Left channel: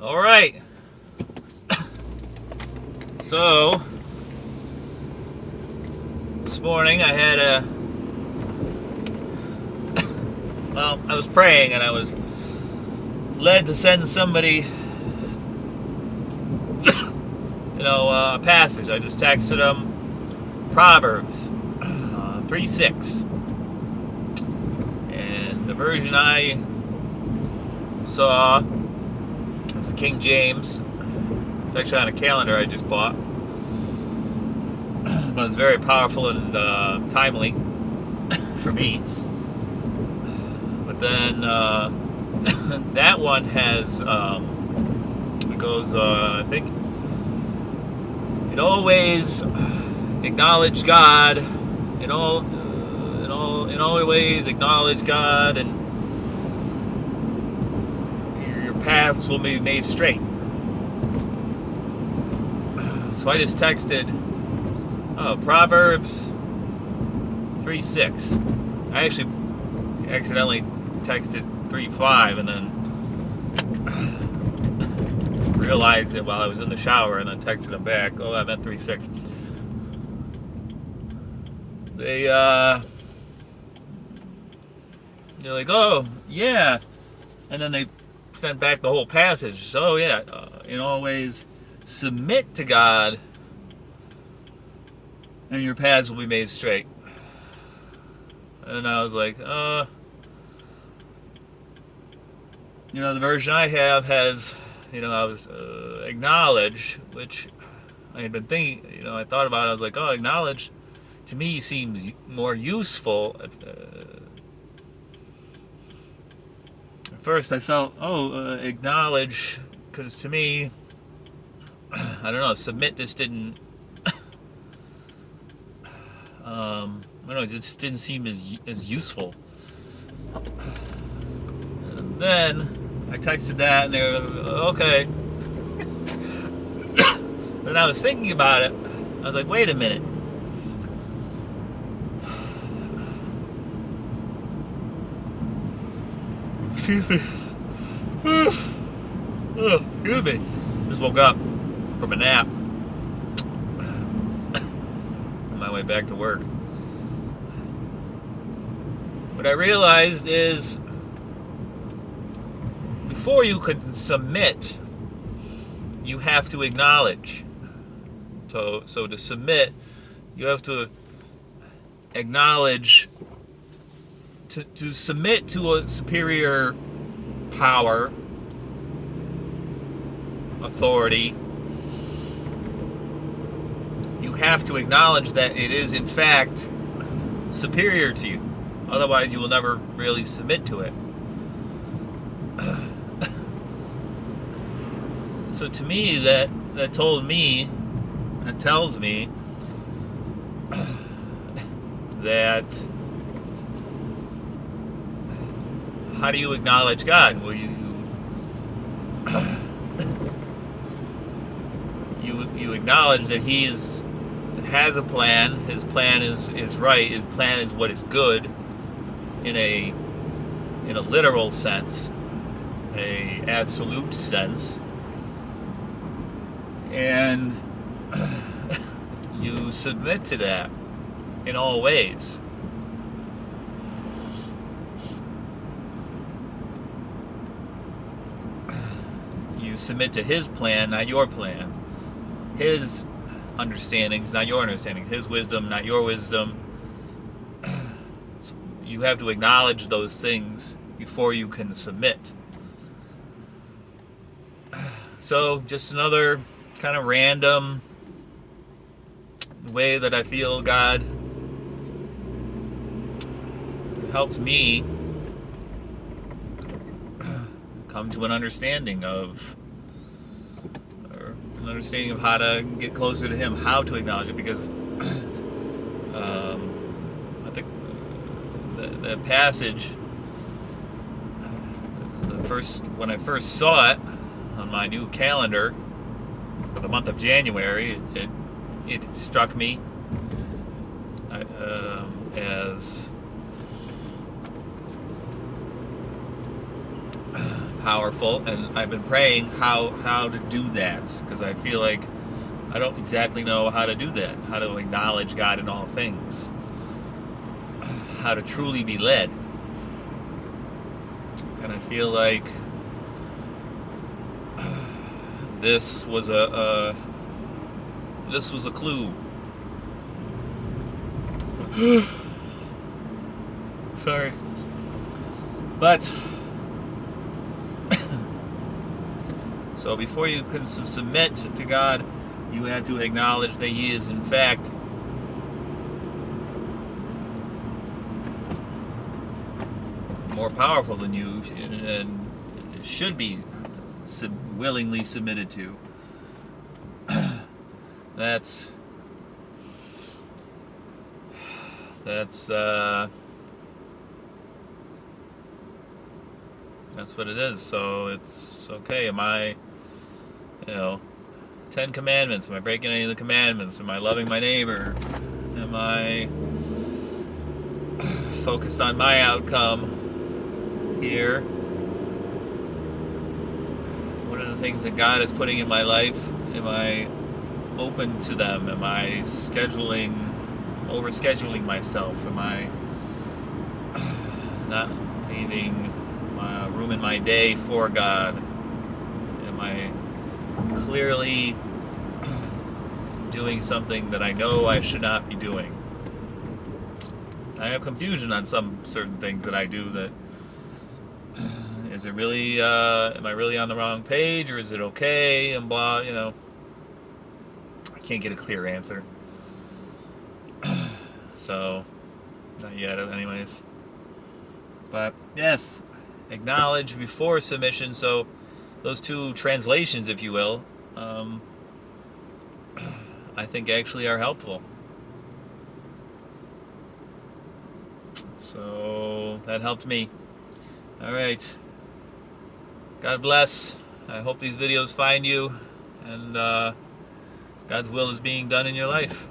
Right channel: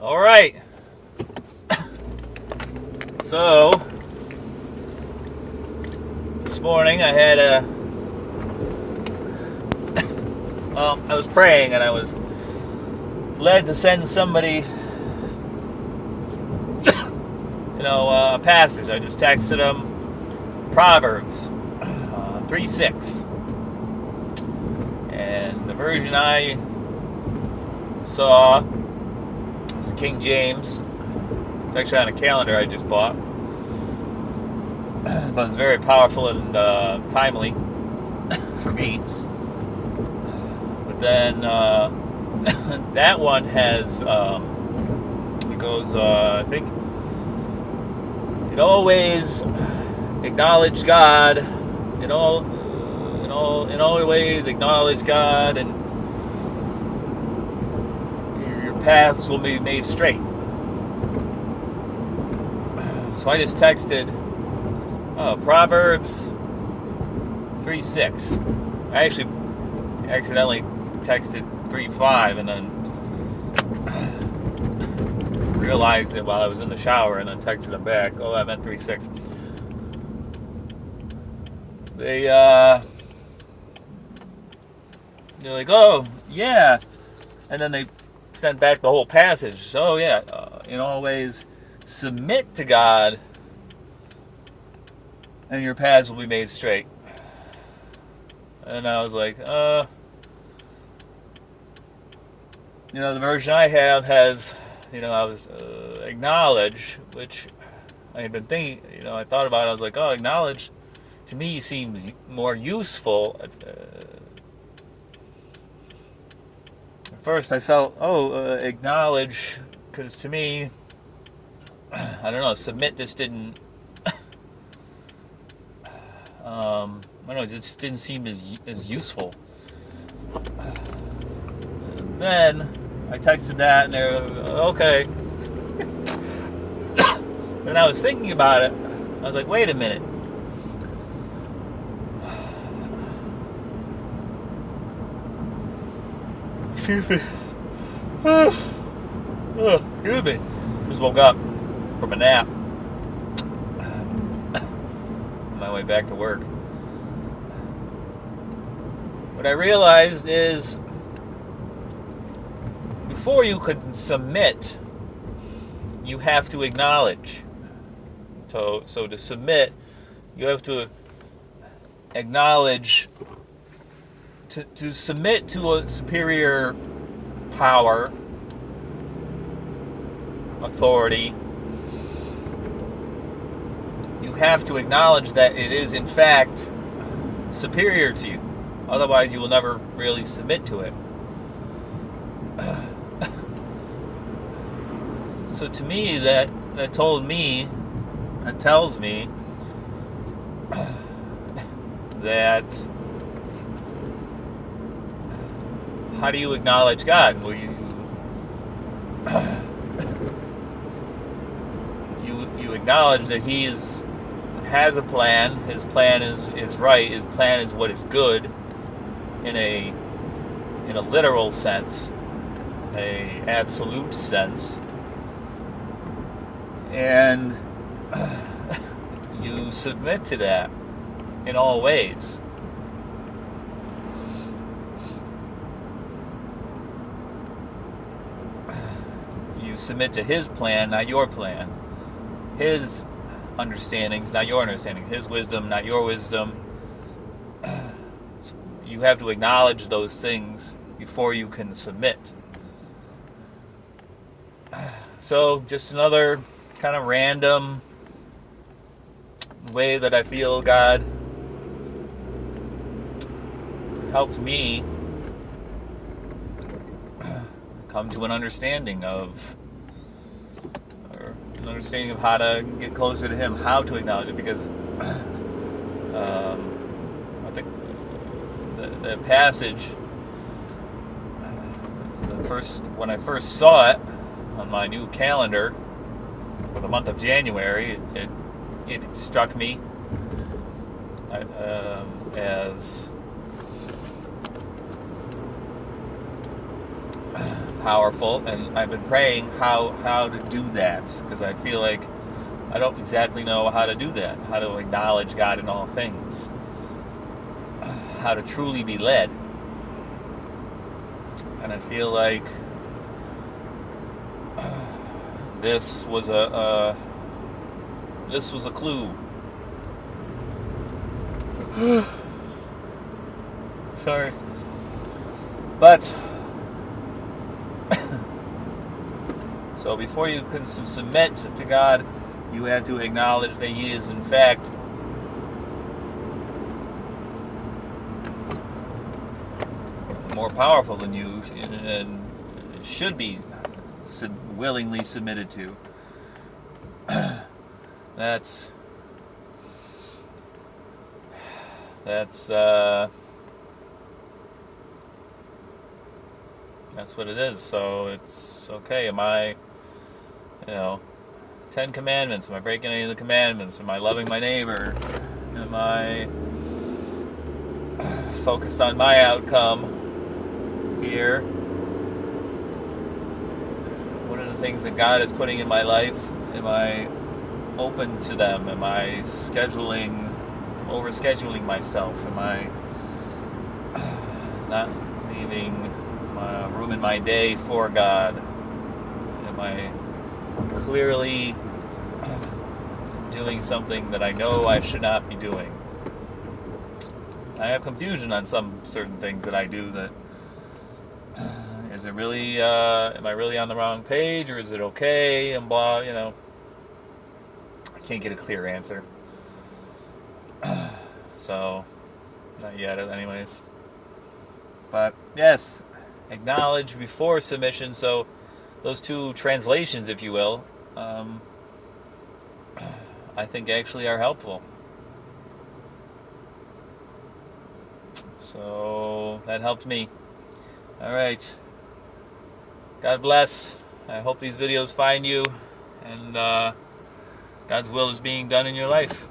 All right. So, this morning I had I was praying and I was led to send somebody, a passage. I just texted them Proverbs 3:6. And the version I saw was the King James. It's actually on a calendar I just bought. But it's very powerful and timely for me. But then that one has, it goes, I think, it always acknowledge God, in all ways acknowledge God, and your paths will be made straight. So I just texted Proverbs 3:6. I actually accidentally texted 3:5 and then realized it while I was in the shower and then texted him back. Oh, I meant 3:6. They're like, oh, yeah. And then they sent back the whole passage. So, yeah, in all ways, submit to God, and your paths will be made straight. And I was like, the version I have has, I was acknowledge, which I had been thinking, I thought about it. I was like, oh, acknowledge to me seems more useful. At first I felt, acknowledge, because to me, I don't know, submit just didn't, it just didn't seem as useful. And then I texted that and they were, okay. But I was thinking about it, I was like, wait a minute. Excuse me. Excuse me. Just woke up from a nap. On my way back to work. What I realized is before you can submit, you have to acknowledge. So to submit, you have to acknowledge. To submit to a superior power, authority, you have to acknowledge that it is in fact superior to you. Otherwise, you will never really submit to it. So to me, that tells me that how do you acknowledge God? Will you acknowledge that He has a plan. His plan is right. His plan is what is good in a literal sense, a absolute sense, and you submit to that in all ways. You submit to His plan, not your plan. His understandings, not your understandings. His wisdom, not your wisdom. So you have to acknowledge those things before you can submit. So just another kind of random way that I feel God helps me come to an understanding of how to get closer to Him, how to acknowledge it, because I think the passage, when I first saw it on my new calendar for the month of January, it struck me as powerful, and I've been praying how to do that, because I feel like I don't exactly know how to do that, how to acknowledge God in all things, how to truly be led. And I feel like this was a clue. Sorry. But so before you can submit to God, you have to acknowledge that He is in fact more powerful than you, and should be willingly submitted to. That's what it is. So it's okay. Am I, 10 commandments? Am I breaking any of the commandments? Am I loving my neighbor? Am I focused on my outcome here? What are the things that God is putting in my life? Am I open to them? Am I overscheduling myself? Am I not leaving room in my day for God? Am I clearly doing something that I know I should not be doing? I have confusion on some certain things that I do. That is it really? Am I really on the wrong page, or is it okay? And blah, I can't get a clear answer. So, not yet, anyways. But yes, acknowledge before submission. So, those two translations, if you will, I think actually are helpful. So that helped me. All right. God bless. I hope these videos find you, and God's will is being done in your life.